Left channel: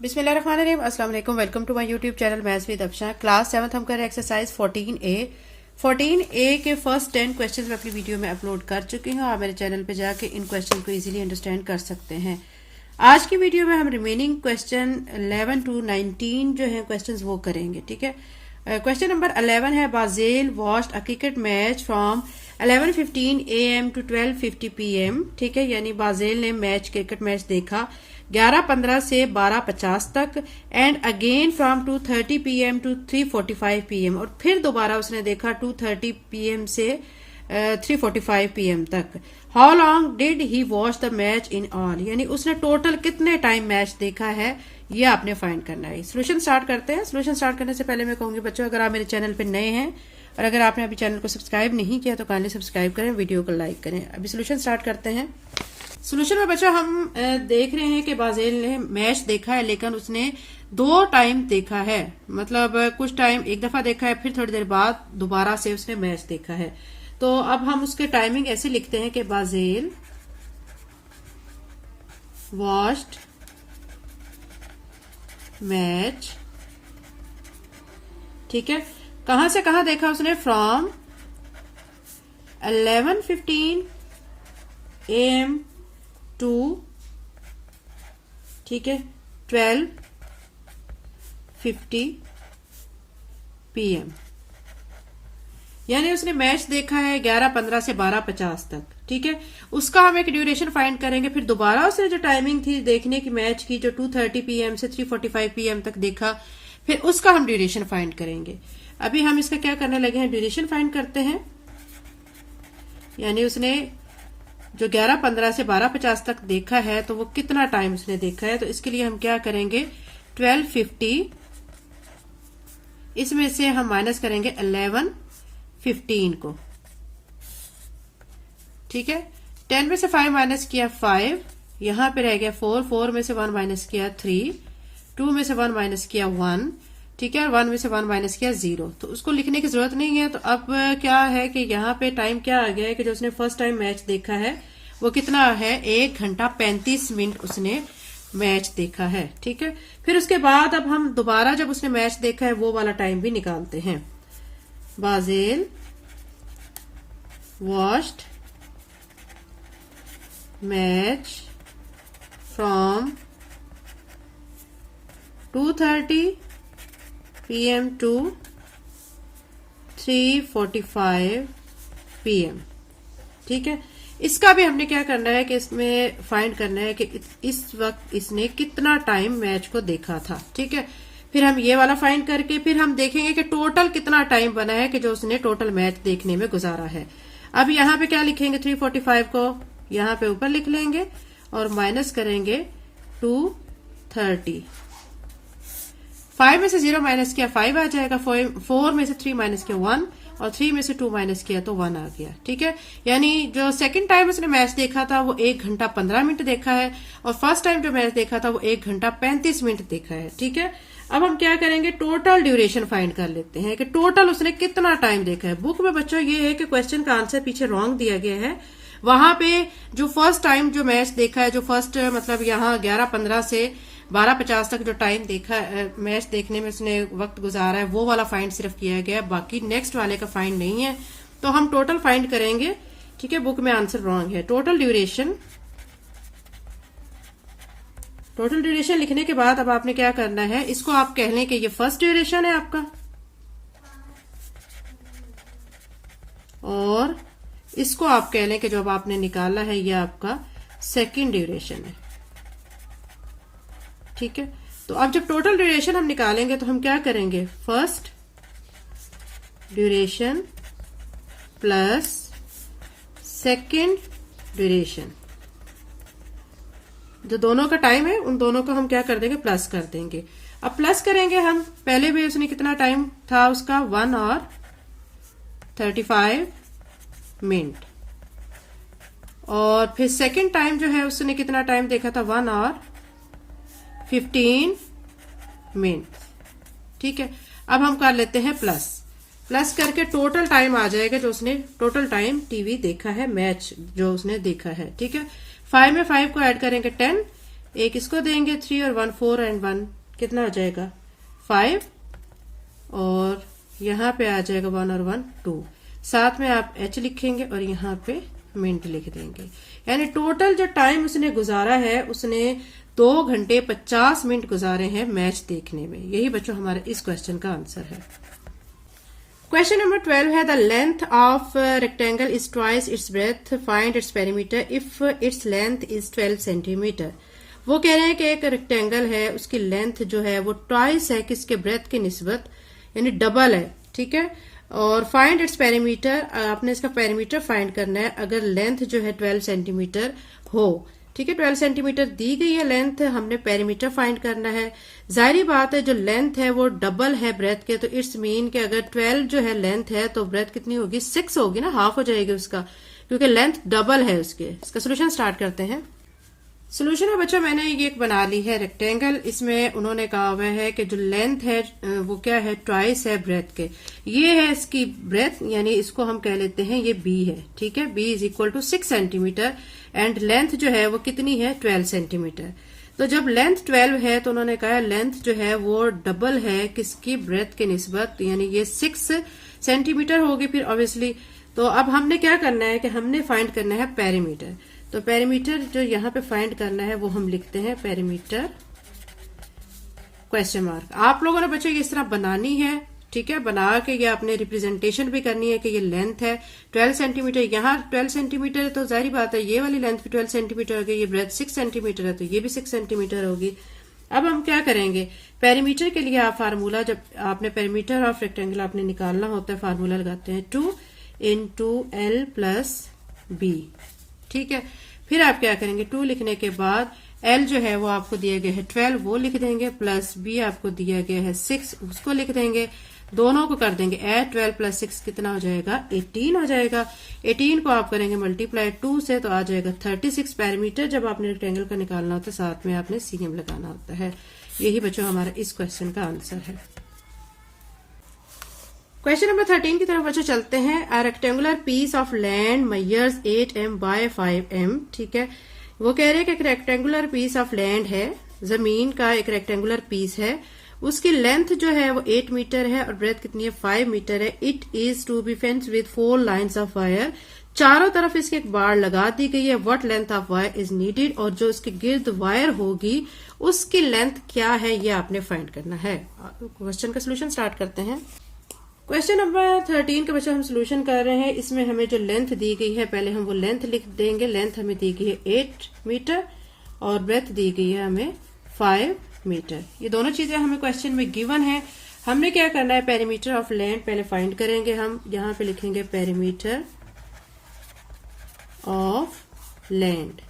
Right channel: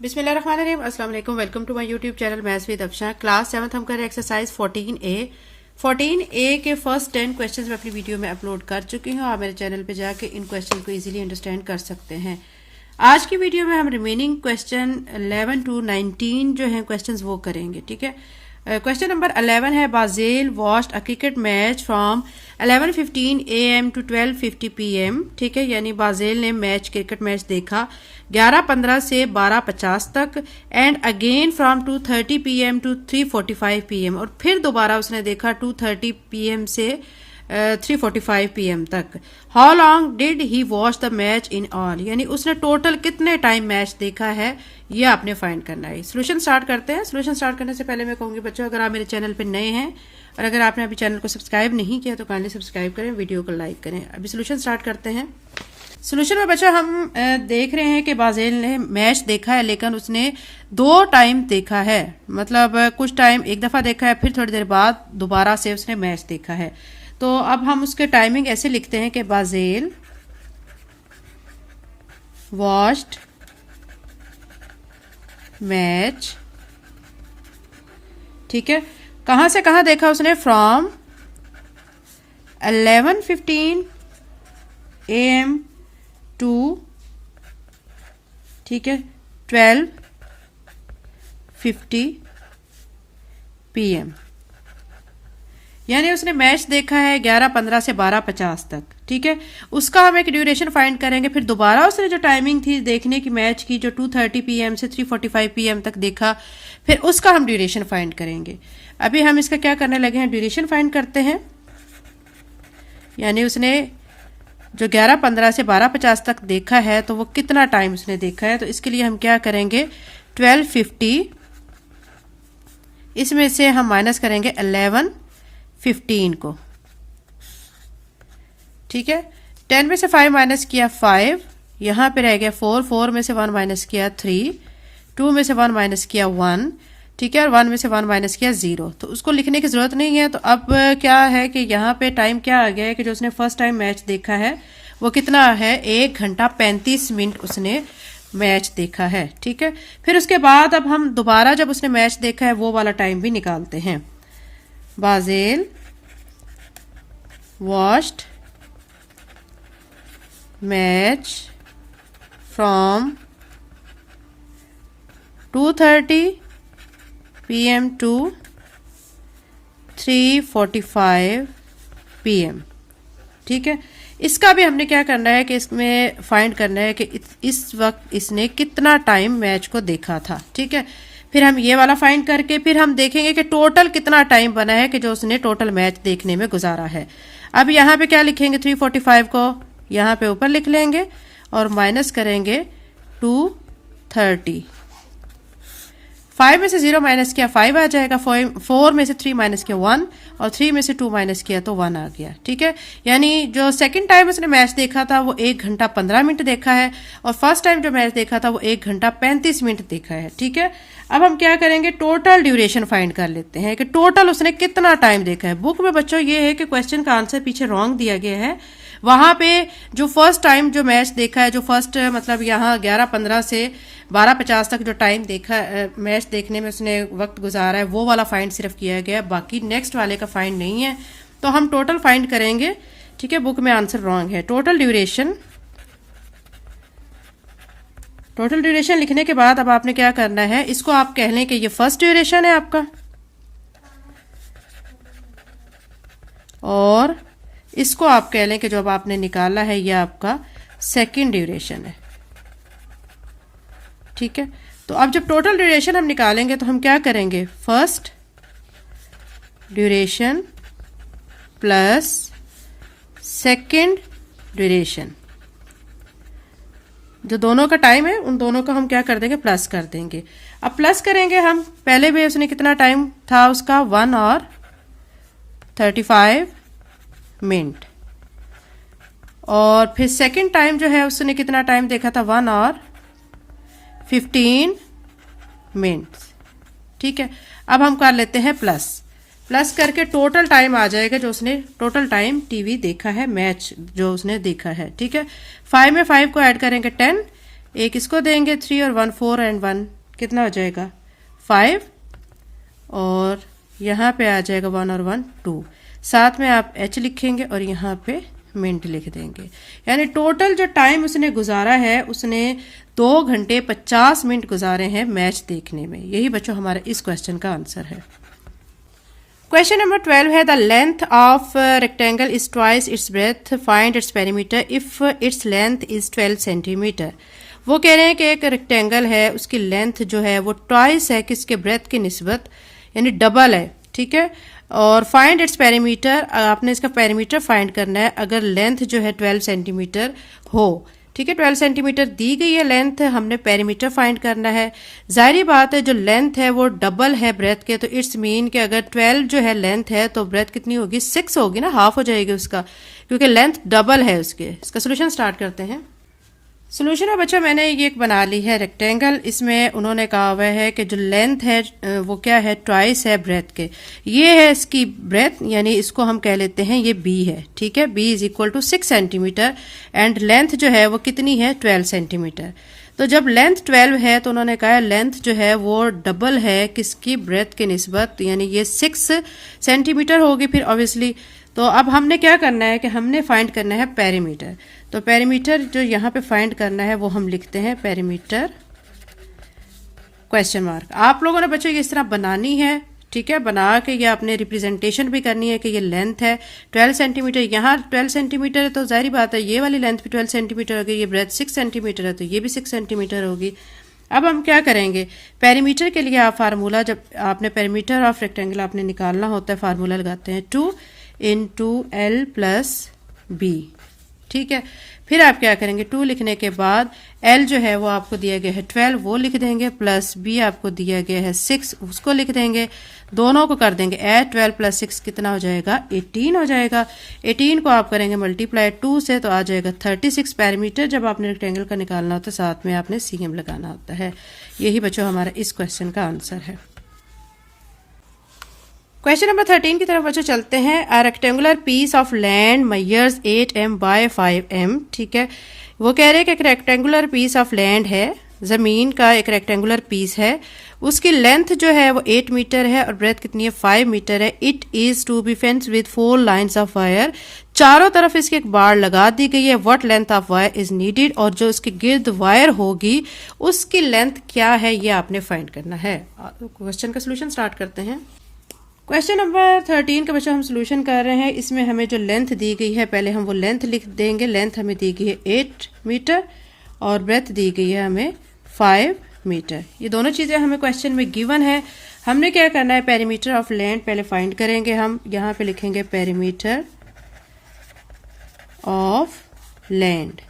बिस्मिल्लाहिर्रहमानिर्रहीम। अस्सलाम वालेकुम। Welcome to my YouTube channel maths with Afsha. Class 7 हम कर रहे हैं एक्सरसाइज 14A के फर्स्ट 10 क्वेश्चंस मैं अपनी वीडियो में अपलोड कर चुकी हूँ। आप मेरे चैनल पे जाके इन क्वेश्चन को इजीली अंडरस्टैंड कर सकते हैं। आज की वीडियो में हम रिमेनिंग क्वेश्चन 11 टू 19 जो है क्वेश्चंस वो करेंगे। ठीक है, क्वेश्चन नंबर 11 है Bajel watched a cricket match from 11:15 AM to 12:50 PM। ठीक है, यानी बाजेल ने क्रिकेट मैच देखा 11:15 से 12:50 तक and again from 2:30 PM to 3:45 PM, और फिर दोबारा उसने देखा 2:30 PM से 3:45 PM तक। How long did he watch the match in all, यानी उसने टोटल कितने टाइम मैच देखा है ये आपने फाइंड करना है। सोल्यूशन स्टार्ट करते हैं। सोल्यूशन स्टार्ट करने से पहले मैं कहूंगी बच्चों, अगर आप मेरे चैनल पे नए हैं और अगर आपने अभी चैनल को सब्सक्राइब नहीं किया तो काइंडली सब्सक्राइब करें, वीडियो को लाइक करें। अभी सोल्यूशन स्टार्ट करते हैं। सोल्यूशन में बच्चों हम देख रहे हैं कि बाजेल ने मैच देखा है लेकिन उसने 2 टाइम देखा है, मतलब कुछ टाइम एक दफा देखा है, फिर थोड़ी देर बाद दोबारा से उसने मैच देखा है। तो अब हम उसके टाइमिंग ऐसे लिखते हैं कि बाजेल वॉच्ड मैच। ठीक है, कहां से कहां देखा उसने? फ्रॉम 11:15 AM टू, ठीक है, 12:50 PM, यानी उसने मैच देखा है 11:15 से 12:50 तक। ठीक है, उसका हम एक ड्यूरेशन फाइंड करेंगे। फिर दोबारा उसने जो टाइमिंग थी देखने की मैच की, जो 2:30 PM से 3:45 PM तक देखा, फिर उसका हम ड्यूरेशन फाइंड करेंगे। अभी हम इसका क्या करने लगे हैं, ड्यूरेशन फाइंड करते हैं। यानी उसने जो 11:15 से 12:50 तक देखा है तो वो कितना टाइम उसने देखा है, तो इसके लिए हम क्या करेंगे, 12:50 इसमें से हम माइनस करेंगे 11:15 को। ठीक है, 10 में से 5 माइनस किया 5, यहां पे रह गया 4, 4 में से 1 माइनस किया 3, 2 में से 1 माइनस किया 1, ठीक है, और 1 में से 1 माइनस किया 0। तो उसको लिखने की जरूरत नहीं है। तो अब क्या है कि यहाँ पे टाइम क्या आ गया है कि जो उसने फर्स्ट टाइम मैच देखा है वो कितना है, 1 घंटा 35 मिनट उसने मैच देखा है। ठीक है, फिर उसके बाद अब हम दोबारा जब उसने मैच देखा है वो वाला टाइम भी निकालते हैं। Bajel watched match from 2:30 PM to 3:45 PM। ठीक है, इसका भी हमने क्या करना है कि इसमें फाइंड करना है कि इस वक्त इसने कितना टाइम मैच को देखा था। ठीक है, फिर हम ये वाला फाइंड करके फिर हम देखेंगे कि टोटल कितना टाइम बना है कि जो उसने टोटल मैच देखने में गुजारा है। अब यहाँ पे क्या लिखेंगे, 3:45 को यहाँ पे ऊपर लिख लेंगे और माइनस करेंगे 2:30। 5 में से 0 माइनस किया 5 आ जाएगा, 4 में से 3 माइनस किया 1, और 3 में से 2 माइनस किया तो 1 आ गया। ठीक है, यानी जो सेकंड टाइम उसने मैच देखा था वो 1 घंटा 15 मिनट देखा है, और फर्स्ट टाइम जो मैच देखा था वो 1 घंटा 35 मिनट देखा है। ठीक है, अब हम क्या करेंगे, टोटल ड्यूरेशन फाइंड कर लेते हैं कि टोटल उसने कितना टाइम देखा है। बुक में बच्चों ये है कि क्वेश्चन का आंसर पीछे रॉन्ग दिया गया है। वहां पे जो फर्स्ट टाइम जो मैच देखा है, जो फर्स्ट मतलब यहाँ 11:15 से 12:50 तक जो टाइम देखा मैच देखने में उसने वक्त गुजारा है वो वाला फाइंड सिर्फ किया गया, बाकी नेक्स्ट वाले का फाइंड नहीं है। तो हम टोटल फाइंड करेंगे। ठीक है, बुक में आंसर रॉन्ग है। टोटल ड्यूरेशन लिखने के बाद अब आपने क्या करना है, इसको आप कह लें कि ये फर्स्ट ड्यूरेशन है आपका, और इसको आप कह लें कि जो अब आपने निकाला है ये आपका सेकंड ड्यूरेशन है। ठीक है, तो अब जब टोटल ड्यूरेशन हम निकालेंगे तो हम क्या करेंगे, first duration plus second duration, जो दोनों का टाइम है उन दोनों को हम क्या कर देंगे, प्लस कर देंगे। अब प्लस करेंगे हम, पहले भी उसने कितना टाइम था उसका, 1 और 35 मिनट, और फिर सेकंड टाइम जो है उसने कितना टाइम देखा था, 1 और 15 मिनट। ठीक है, अब हम कर लेते हैं प्लस करके टोटल टाइम आ जाएगा जो उसने टोटल टाइम टीवी देखा है, मैच जो उसने देखा है। ठीक है, 5 में 5 को ऐड करेंगे 10, एक इसको देंगे 3 और 1 4 एंड 1 कितना हो जाएगा 5, और यहाँ पे आ जाएगा 1 और 1 2, साथ में आप h लिखेंगे और यहाँ पे मिनट लिख देंगे। यानी टोटल जो टाइम उसने गुजारा है, उसने 2 घंटे 50 मिनट गुजारे हैं मैच देखने में। यही बच्चों हमारा इस क्वेश्चन का आंसर है। क्वेश्चन नंबर 12 है the length of rectangle is twice its breath, find its perimeter if its length is 12 centimetre. वो कह रहे हैं कि एक रेक्टेंगल है, उसकी लेंथ जो है वो ट्वाइस है किसके ब्रेथ की निस्बत, यानी डबल है, ठीक है। और फाइंड इट्स पेरीमीटर, आपने इसका पेरीमीटर फाइंड करना है अगर लेंथ जो है 12 सेंटीमीटर हो, ठीक है। 12 सेंटीमीटर दी गई है लेंथ, हमने पेरीमीटर फाइंड करना है। जाहिर बात है जो लेंथ है वो डबल है ब्रेथ के, तो इट्स मीन कि अगर 12 जो है लेंथ है तो ब्रेथ कितनी होगी 6 होगी ना, हाफ हो जाएगी उसका, क्योंकि लेंथ डबल है उसके। इसका सोल्यूशन स्टार्ट करते हैं। सोल्यूशन में बच्चों मैंने ये एक बना ली है रेक्टेंगल, इसमें उन्होंने कहा हुआ है कि जो लेंथ है वो क्या है ट्वाइस है ब्रेथ के। ये है इसकी ब्रेथ, यानी इसको हम कह लेते हैं ये b है, ठीक है। b is equal to 6 centimetre and length जो है वो कितनी है 12 सेंटीमीटर। तो जब लेंथ 12 है तो उन्होंने कहा लेंथ जो है वो डबल है किसकी ब्रेथ के निस्बत, यानी ये 6 सेंटीमीटर होगी फिर ऑब्वियसली। तो अब हमने क्या करना है कि हमने फाइंड करना है पेरीमीटर। तो पेरीमीटर जो यहाँ पे फाइंड करना है वो हम लिखते हैं पेरीमीटर क्वेश्चन मार्क। आप लोगों ने बच्चों ये इस तरह बनानी है, ठीक है। बना के ये आपने रिप्रेजेंटेशन भी करनी है कि ये लेंथ है 12 सेंटीमीटर, यहाँ 12 सेंटीमीटर है तो जाहिर बात है ये वाली लेंथ भी 12 सेंटीमीटर होगी, ये ब्रेथ 6 सेंटीमीटर है तो ये भी 6 सेंटीमीटर होगी। अब हम क्या करेंगे, पेरीमीटर के लिए आप फार्मूला, जब आपने पेरीमीटर ऑफ रेक्टेंगल आपने निकालना होता है, फार्मूला लगाते हैं 2 into L प्लस B, ठीक है। फिर आप क्या करेंगे, 2 लिखने के बाद L जो है वो आपको दिया गया है 12 वो लिख देंगे, प्लस B आपको दिया गया है 6 उसको लिख देंगे, दोनों को कर देंगे ऐड, 12 प्लस 6 कितना हो जाएगा 18 हो जाएगा। 18 को आप करेंगे मल्टीप्लाई 2 से तो आ जाएगा 36 पेरीमीटर। जब आपने रेक्टेंगल का निकालना होता है साथ में आपने CM लगाना होता है। यही बच्चों हमारा इस क्वेश्चन का आंसर है। क्वेश्चन नंबर 13 की तरफ बच्चों चलते हैं। A rectangular piece of land measures 8m by 5m, ठीक है। वो कह रहे हैं कि एक रेक्टेंगुलर पीस ऑफ लैंड है, जमीन का एक रेक्टेंगुलर पीस है, उसकी लेंथ जो है वो 8 मीटर है और ब्रेथ कितनी है 5 मीटर है। It is to be fence with 4 lines of wire, चारों तरफ इसके एक बाड़ लगा दी गई है। What length of wire is needed, और जो उसके गिर्द वायर होगी उसकी लेंथ क्या है ये आपने फाइंड करना है। क्वेश्चन का सोल्यूशन स्टार्ट करते हैं। क्वेश्चन नंबर 13 का बच्चा हम सोल्यूशन कर रहे हैं। इसमें हमें जो लेंथ दी गई है पहले हम वो लेंथ लिख देंगे। लेंथ हमें दी गई है 8 मीटर और ब्रेथ दी गई है हमें 5 मीटर। ये दोनों चीजें हमें क्वेश्चन में गिवन है। हमने क्या करना है, पेरीमीटर ऑफ लैंड पहले फाइंड करेंगे। हम यहाँ पे लिखेंगे पेरीमीटर ऑफ लैंड,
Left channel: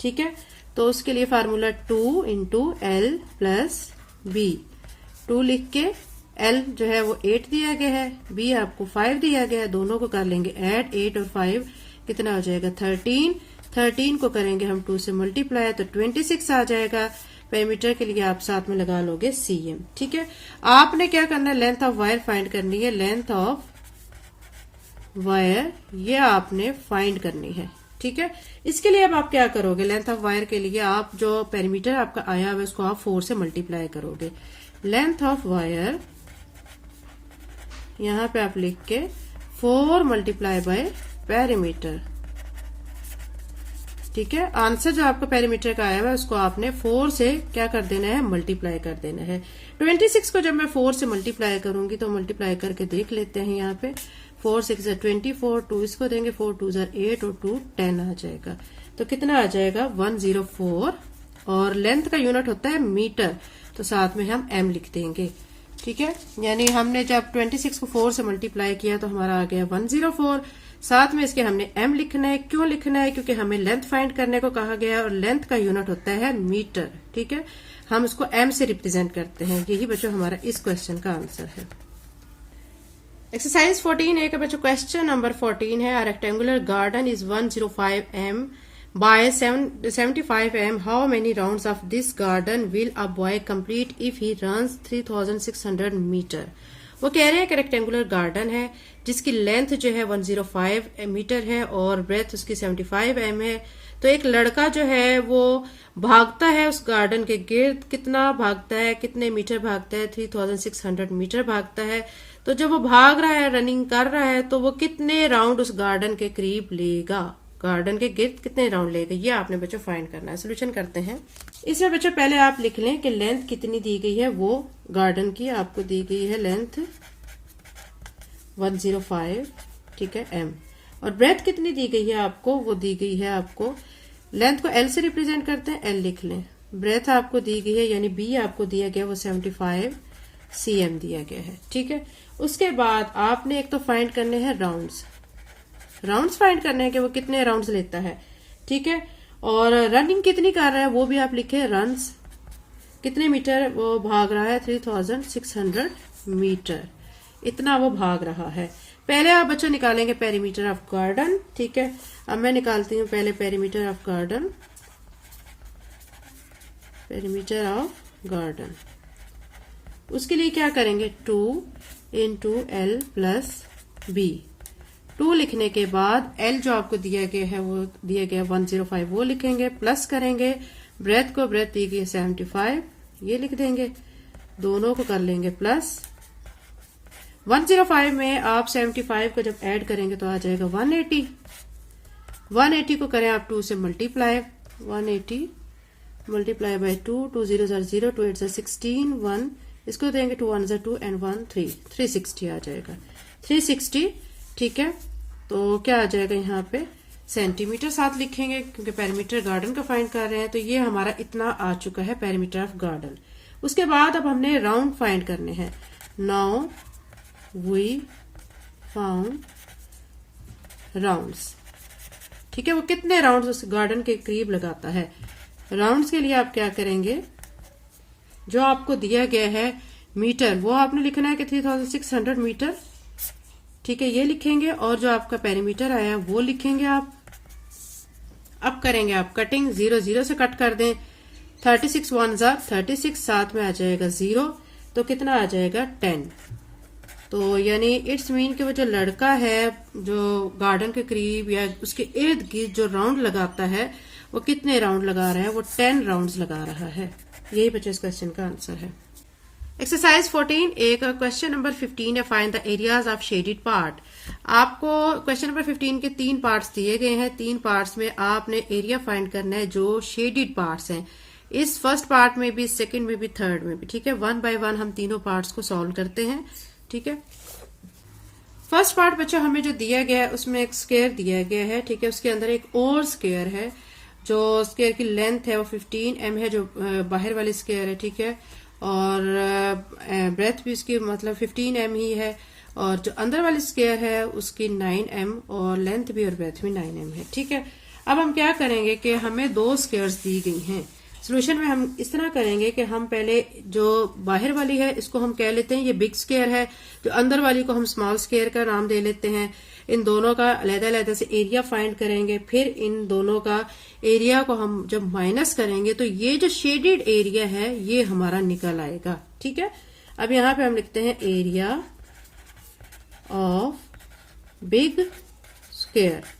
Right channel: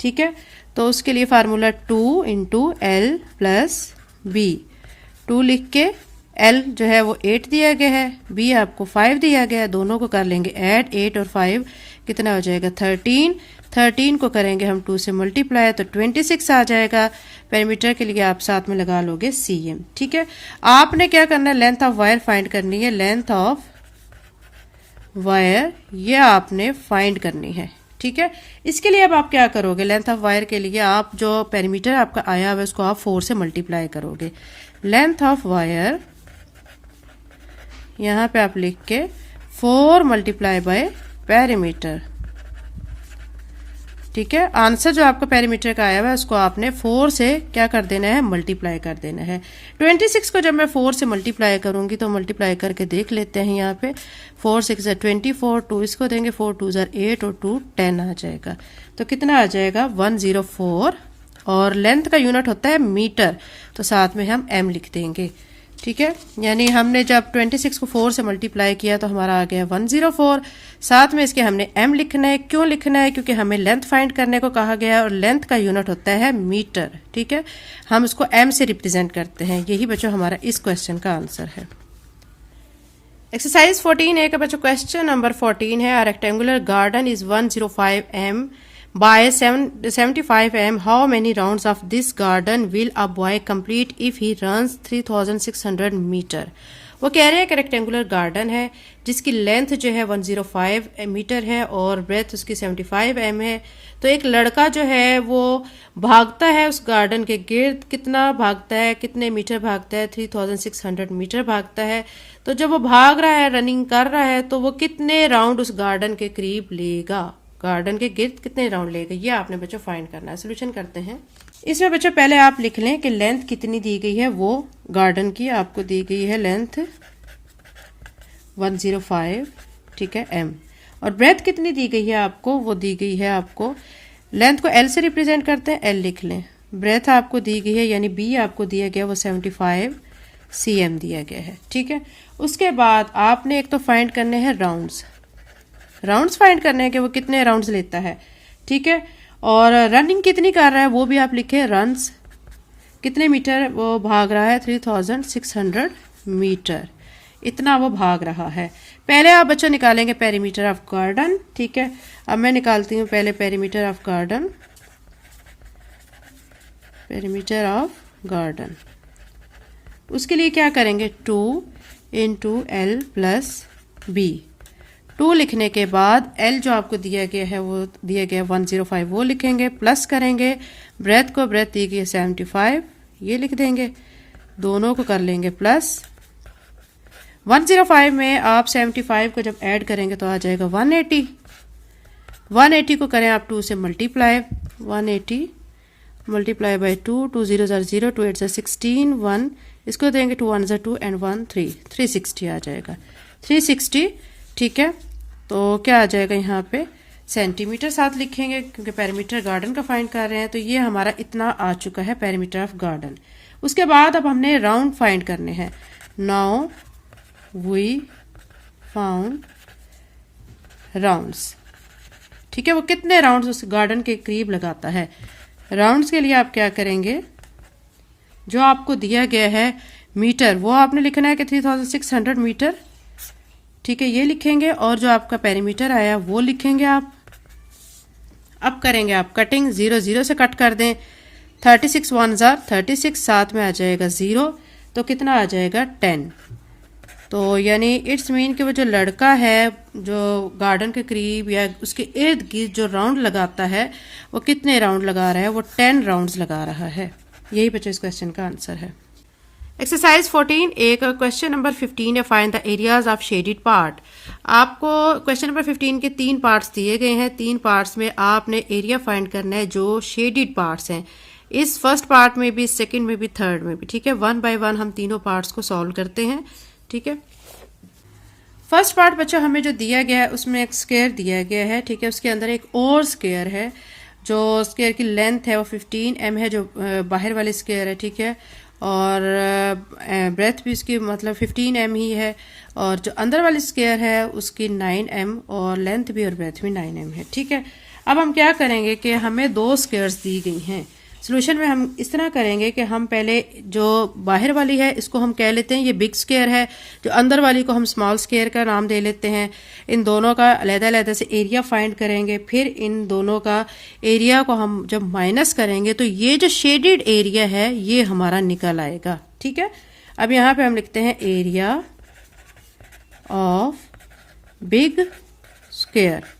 ठीक है। तो उसके लिए formula 2 into L plus B। 2 लिख के L जो है वो 8 दिया गया है, B आपको 5 दिया गया है, दोनों को कर लेंगे ऐड। 8 और 5 कितना हो जाएगा 13। 13 को करेंगे हम 2 से मल्टीप्लाई तो 26 आ जाएगा। पेरीमीटर के लिए आप साथ में लगा लोगे CM, ठीक है। आपने क्या करना है, लेंथ ऑफ वायर फाइंड करनी है। लेंथ ऑफ वायर ये आपने फाइंड करनी है, ठीक है। इसके लिए अब आप क्या करोगे, लेंथ ऑफ वायर के लिए आप जो पेरीमीटर आपका आया हुआ है उसको आप 4 से मल्टीप्लाई करोगे। लेंथ ऑफ वायर यहाँ पे आप लिख के 4 मल्टीप्लाई बाय पेरीमीटर, ठीक है। आंसर जो आपका पेरीमीटर का आया हुआ है उसको आपने 4 से क्या कर देना है, मल्टीप्लाई कर देना है। 26 को जब मैं 4 से मल्टीप्लाई करूंगी तो मल्टीप्लाई करके देख लेते हैं। यहाँ पे 4 6 24, 2 इसको देंगे 4 2 8 और 2 10 आ जाएगा। तो कितना आ जाएगा 104, और लेंथ का यूनिट होता है मीटर, तो साथ में हम m लिख देंगे, ठीक है। यानी हमने जब 26 को 4 से मल्टीप्लाई किया तो हमारा आ गया 104। साथ में इसके हमने m लिखना है। क्यों लिखना है, क्योंकि हमें लेंथ फाइंड करने को कहा गया है और लेंथ का यूनिट होता है मीटर, ठीक है। हम उसको m से रिप्रेजेंट करते हैं। यही बच्चों हमारा इस क्वेश्चन का आंसर है। एक्सरसाइज 14A का बच्चों क्वेश्चन नंबर 14 है। Rectangular garden is 105m by 75m. How many rounds of this garden will a boy complete if he runs 3600 meter? वो कह रहे हैं कि रेक्टेंगुलर गार्डन है जिसकी लेंथ जो है 105 मीटर है और ब्रेथ उसकी 75 m है। तो एक लड़का जो है वो भागता है उस गार्डन के गिर्द, कितना भागता है, कितने मीटर भागता है, 3600 मीटर भागता है। तो जब वो भाग रहा है, रनिंग कर रहा है, तो वो कितने राउंड उस गार्डन के करीब लेगा, गार्डन के गिर्द कितने राउंड लेगा, ये आपने बच्चों फाइंड करना है। सोल्यूशन करते हैं। इसमें बच्चों पहले आप लिख लें कि लेंथ कितनी दी गई है, वो गार्डन की आपको दी गई है लेंथ 105, ठीक है, एम। और ब्रेथ कितनी दी गई है आपको, वो दी गई है आपको, लेंथ को एल से रिप्रेजेंट करते हैं, एल लिख लें। ब्रेथ आपको दी गई है यानी बी आपको दिया गया वो 75 cm दिया गया है, ठीक है। उसके बाद आपने एक तो फाइंड करने हैं राउंड्स, राउंड्स फाइंड करने हैं कि वो कितने राउंड्स लेता है, ठीक है। और रनिंग कितनी कर रहा है वो भी आप लिखे, रन्स कितने मीटर वो भाग रहा है, 3600 मीटर, इतना वो भाग रहा है। पहले आप बच्चों निकालेंगे पेरीमीटर ऑफ गार्डन, ठीक है। अब मैं निकालती हूँ पहले perimeter of garden, perimeter of garden. उसके लिए क्या करेंगे, 2 × L + B। 2 लिखने के बाद L जो आपको दिया गया है वो दिया गया 105, वो लिखेंगे, प्लस करेंगे, ब्रेथ को ब्रेथ दी गई 75, ये लिख देंगे, दोनों को कर लेंगे प्लस। 105 में आप 75 को जब ऐड करेंगे तो आ जाएगा 180। 180 को करें आप 2 से मल्टीप्लाई, 180 मल्टीप्लाई बाई 2, 2 0 0, 2 8 16, 1 इसको देंगे, 2 1 2 एंड 1 3, 360 आ जाएगा, 360, ठीक है। तो क्या आ जाएगा यहाँ पे सेंटीमीटर साथ लिखेंगे क्योंकि पेरीमीटर गार्डन का फाइंड कर रहे हैं। तो ये हमारा इतना आ चुका है पेरीमीटर ऑफ गार्डन। उसके बाद अब हमने राउंड फाइंड करने हैं। नाउ वी फाउंड राउंड्स, ठीक है। वो कितने राउंड्स उस गार्डन के करीब लगाता है। राउंड्स के लिए आप क्या करेंगे, जो आपको दिया गया है मीटर वो आपने लिखना है कि 3600 मीटर, ठीक है, ये लिखेंगे। और जो आपका पेरीमीटर आया वो लिखेंगे आप। अब करेंगे आप कटिंग, 0 0 से कट कर दें, 36 1 36, साथ में आ जाएगा 0, तो कितना आ जाएगा 10। तो यानी इट्स मीन कि वो जो लड़का है जो गार्डन के करीब या उसके इर्द गिर्द जो राउंड लगाता है वो कितने राउंड लगा रहा है, वो 10 राउंड्स लगा रहा है। यही बच्चों इस क्वेश्चन का आंसर है। एक्सरसाइज 14A का क्वेश्चन नंबर 15 है, find the areas of shaded part. आपको क्वेश्चन नंबर 15 के 3 पार्ट्स दिए गए हैं। 3 पार्ट्स में आपने एरिया फाइंड करना है जो शेडेड पार्ट्स हैं, इस फर्स्ट पार्ट में भी, सेकंड में भी, थर्ड में भी, ठीक है। 1 बाय 1 हम तीनों पार्ट्स को सॉल्व करते हैं, ठीक है। फर्स्ट पार्ट बच्चों हमें जो दिया गया है उसमें एक स्क्वायर दिया गया है, ठीक है। उसके अंदर एक और स्क्वायर है, जो स्क्वायर की लेंथ है वो 15 m है, जो बाहर वाली स्क्वायर है, ठीक है। और ब्रेथ भी उसकी मतलब 15 m ही है, और जो अंदर वाली स्क्वायर है उसकी 9 m और लेंथ भी और ब्रेथ भी 9 m है, ठीक है। अब हम क्या करेंगे कि हमें 2 स्क्वायर्स दी गई हैं। सोल्यूशन में हम इस तरह करेंगे कि हम पहले जो बाहर वाली है इसको हम कह लेते हैं ये बिग स्क्वायर है, जो अंदर वाली को हम स्मॉल स्क्वायर का नाम दे लेते हैं। इन दोनों का अलग-अलग से एरिया फाइंड करेंगे, फिर इन दोनों का एरिया को हम जब माइनस करेंगे तो ये जो शेडेड एरिया है ये हमारा निकल आएगा, ठीक है। अब यहाँ पे हम लिखते हैं एरिया ऑफ बिग स्क्वायर।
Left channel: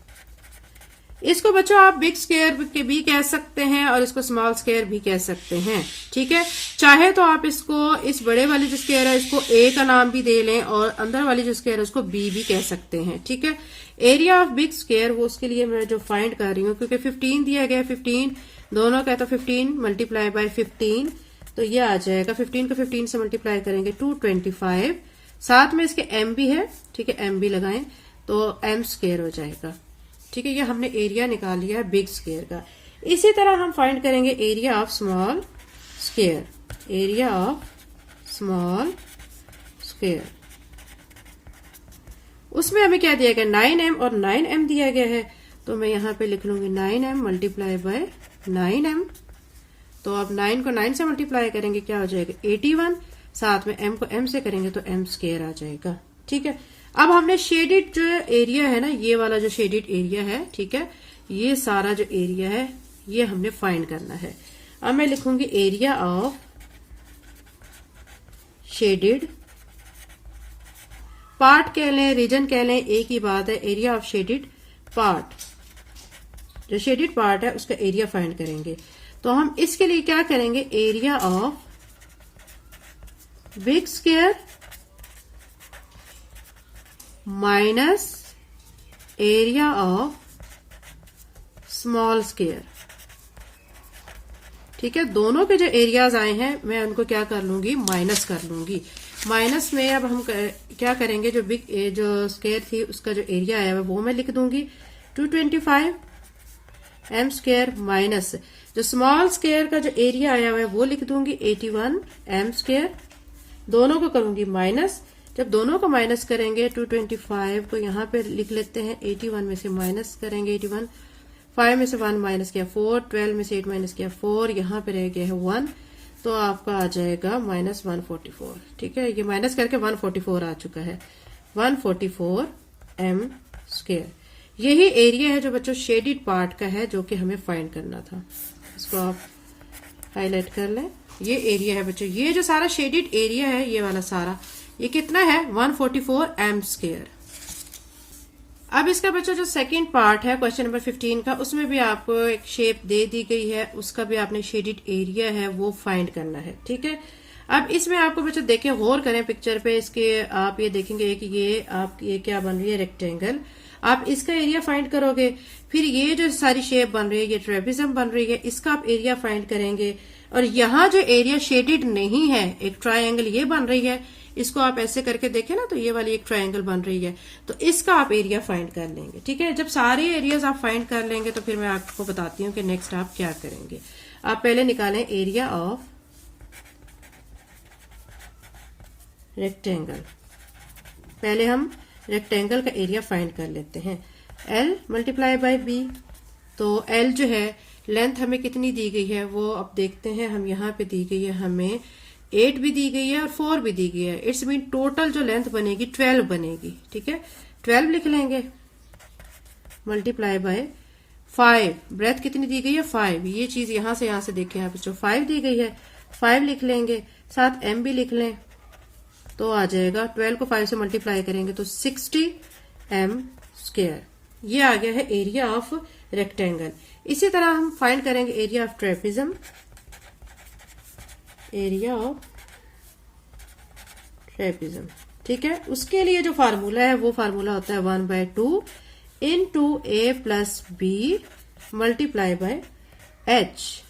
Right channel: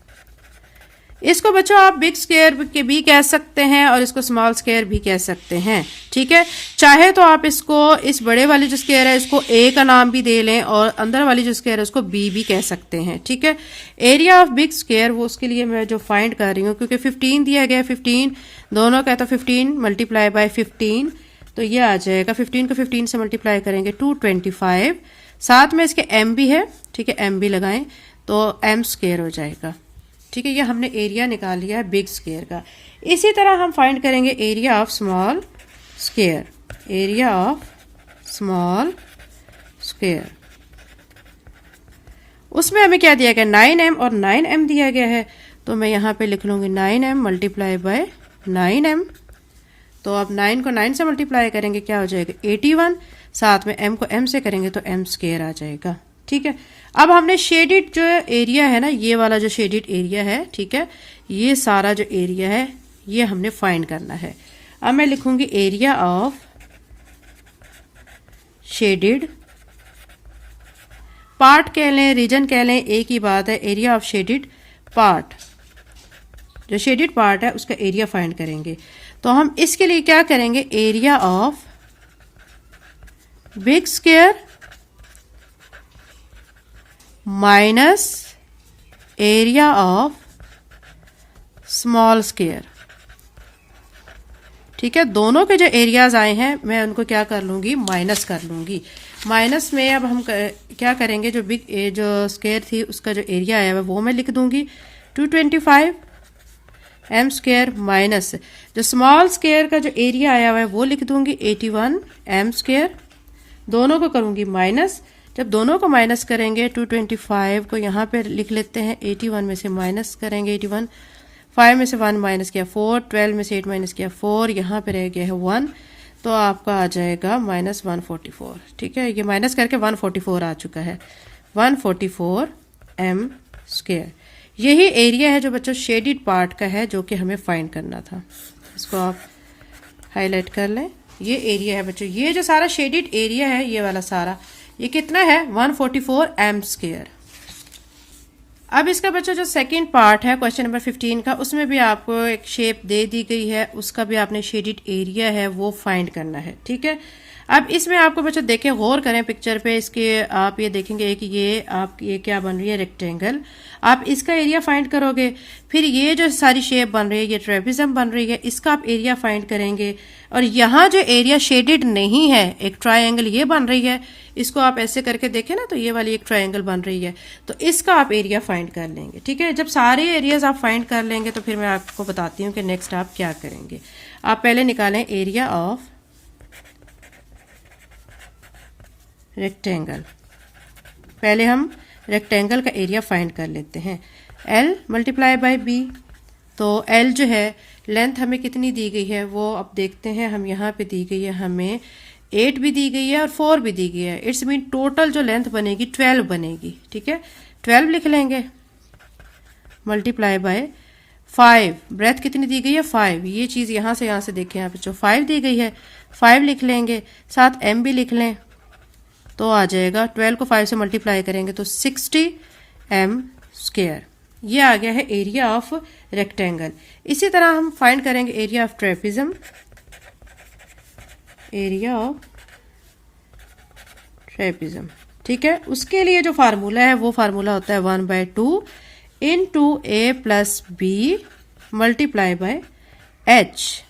इसको बच्चों आप बिग स्क्वायर के भी कह सकते हैं और इसको स्मॉल स्क्वायर भी कह सकते हैं, ठीक है। चाहे तो आप इसको, इस बड़े वाली जो स्क्वायर है इसको ए का नाम भी दे लें और अंदर वाली जो स्क्वायर है उसको बी भी कह सकते हैं, ठीक है। एरिया ऑफ बिग स्क्वायर वो उसके लिए मैं जो फाइंड कर रही हूँ, क्योंकि 15 दिया गया है, 15 दोनों का, तो 15 मल्टीप्लाई बाय 15 तो ये आ जाएगा, 15 को 15 से मल्टीप्लाई करेंगे 225, साथ में इसके एम भी है, ठीक है, एम भी लगाएं तो एम स्क्वायर हो जाएगा, ठीक है। ये हमने एरिया निकाल लिया है बिग स्क्वायर का। इसी तरह हम फाइंड करेंगे area of small square, area of small square. उसमें हमें क्या दिया गया, 9m और 9m दिया गया है, तो मैं यहाँ पे लिख लूंगी 9m मल्टीप्लाई बाय 9m। तो अब 9 को 9 से मल्टीप्लाई करेंगे क्या हो जाएगा 81, साथ में m को m से करेंगे तो m स्क्वायर आ जाएगा, ठीक है। अब हमने शेडेड जो एरिया है ना, ये वाला जो शेडेड एरिया है, ठीक है, ये सारा जो एरिया है ये हमने फाइंड करना है। अब मैं लिखूंगी एरिया ऑफ शेडेड पार्ट कह लें, रीजन कह लें, एक ही बात है, एरिया ऑफ शेडेड पार्ट। जो शेडेड पार्ट है उसका एरिया फाइंड करेंगे। तो हम इसके लिए क्या करेंगे, area of big square minus area of small square. ठीक है, दोनों के जो एरियाज आए हैं मैं उनको क्या कर लूंगी, माइनस कर लूंगी। माइनस में अब हम क्या करेंगे, जो स्क्वायर थी उसका जो एरिया आया है वो मैं लिख दूंगी 225 एम स्क्वायर माइनस जो स्मॉल स्क्वायर का जो एरिया आया हुआ है वो लिख दूंगी 81 एम स्क्वायर। दोनों को करूंगी माइनस। जब दोनों को माइनस करेंगे 225 को यहाँ पे लिख लेते हैं, 81 में से माइनस करेंगे 81, 5 में से 1 माइनस किया 4, 12 में से 8 माइनस किया 4, यहाँ पे रह गया है 1, तो आपका आ जाएगा माइनस 144। ठीक है, ये माइनस करके 144 आ चुका है, 144 एम स्क्वायर। यही एरिया है जो बच्चों शेडेड पार्ट का है, जो कि हमें फाइंड करना था। इसको आप हाईलाइट कर लें, ये एरिया है बच्चों, ये जो सारा शेडेड एरिया है ये वाला सारा, ये कितना है 144 एम स्क्वायर। अब इसका बच्चों जो सेकंड पार्ट है क्वेश्चन नंबर 15 का, उसमें भी आपको एक शेप दे दी गई है, उसका भी आपने शेडेड एरिया है वो फाइंड करना है। ठीक है, अब इसमें आपको बच्चों देखें, गौर करें पिक्चर पे, इसके आप ये देखेंगे कि ये क्या बन रही है, रेक्टेंगल। आप इसका एरिया फाइंड करोगे, फिर ये जो सारी शेप बन रही है ये ट्रेपेजियम बन रही है, इसका आप एरिया फाइंड करेंगे। और यहाँ जो एरिया शेडेड नहीं है, एक ट्रायंगल ये बन रही है, इसको आप ऐसे करके देखें ना, तो ये वाली एक ट्रायंगल बन रही है, तो इसका आप एरिया फाइंड कर लेंगे। ठीक है, जब सारे एरियाज आप फाइंड कर लेंगे तो फिर मैं आपको बताती हूँ कि नेक्स्ट आप क्या करेंगे। आप पहले निकालें एरिया ऑफ रेक्टेंगल। पहले हम रेक्टेंगल का एरिया फाइंड कर लेते हैं, L मल्टीप्लाई बाय B। तो L जो है लेंथ हमें कितनी दी गई है वो अब देखते हैं। हम यहाँ पे दी गई है हमें 8 भी दी गई है और 4 भी दी गई है, इट्स मीन टोटल जो लेंथ बनेगी 12 बनेगी। ठीक है, 12 लिख लेंगे मल्टीप्लाई बाय 5। ब्रेथ कितनी दी गई है 5, ये चीज यहाँ से देखें आप जो 5 दी गई है 5 लिख लेंगे, साथ M भी लिख लें, तो आ जाएगा 12 को 5 से मल्टीप्लाई करेंगे तो 60 एम स्क्वायर। ये आ गया है एरिया ऑफ रेक्टेंगल। इसी तरह हम फाइंड करेंगे area of trapezium. Area of trapezium, ठीक है, उसके लिए जो फार्मूला है वो फार्मूला होता है 1/2 into a plus b multiply by h.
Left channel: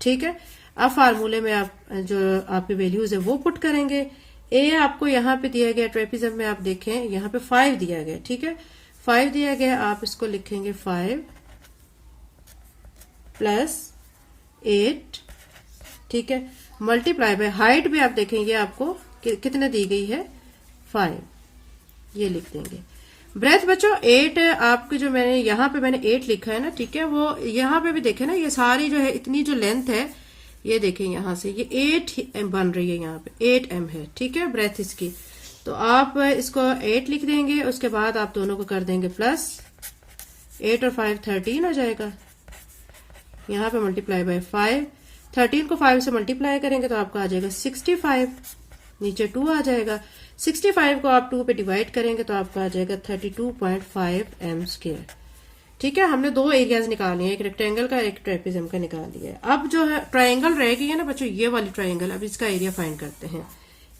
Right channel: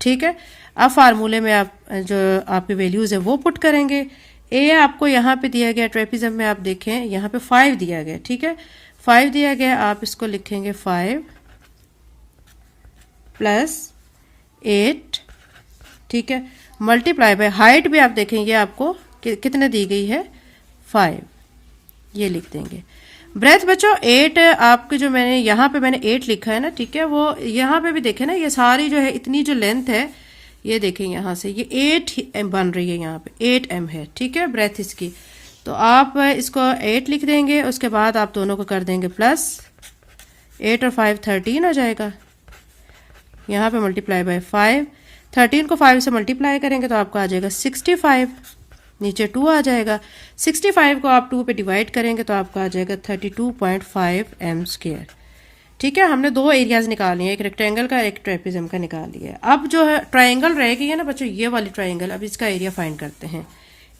ठीक है, अब फार्मूले में आप जो आपकी वैल्यूज है वो पुट करेंगे। ए आपको यहाँ पे दिया गया, ट्रेपेजियम में आप देखें यहाँ पे 5 दिया गया। ठीक है, 5 दिया गया, आप इसको लिखेंगे 5 प्लस 8। ठीक है, मल्टीप्लाई बाय हाइट भी आप देखेंगे आपको कितने दी गई है 5, ये लिख देंगे। ब्रेथ बच्चों 8 आपके जो मैंने यहाँ पे मैंने 8 लिखा है ना, ठीक है, वो यहाँ पे भी देखें ना, ये सारी जो है इतनी जो लेंथ है ये देखें यहाँ से ये 8 बन रही है, यहाँ पे 8 m है। ठीक है, ब्रेथ इसकी, तो आप इसको 8 लिख देंगे, उसके बाद आप दोनों को कर देंगे प्लस 8 और 5 13 हो जाएगा। यहाँ पे मल्टीप्लाई बाय 5, 13 को 5 से मल्टीप्लाई करेंगे तो आपको आ जाएगा 65, नीचे 2 आ जाएगा। 65 को आप 2 पे डिवाइड करेंगे तो आपका आ जाएगा 32.5 एम स्क्वायर। ठीक है, हमने दो एरियाज निकाल लिए, एक रेक्टेंगल का एक ट्रेपेजियम का निकाल लिया। अब जो है ट्रायंगल रह गई है ना बच्चों, ये वाली ट्रायंगल, अब इसका एरिया फाइंड करते हैं।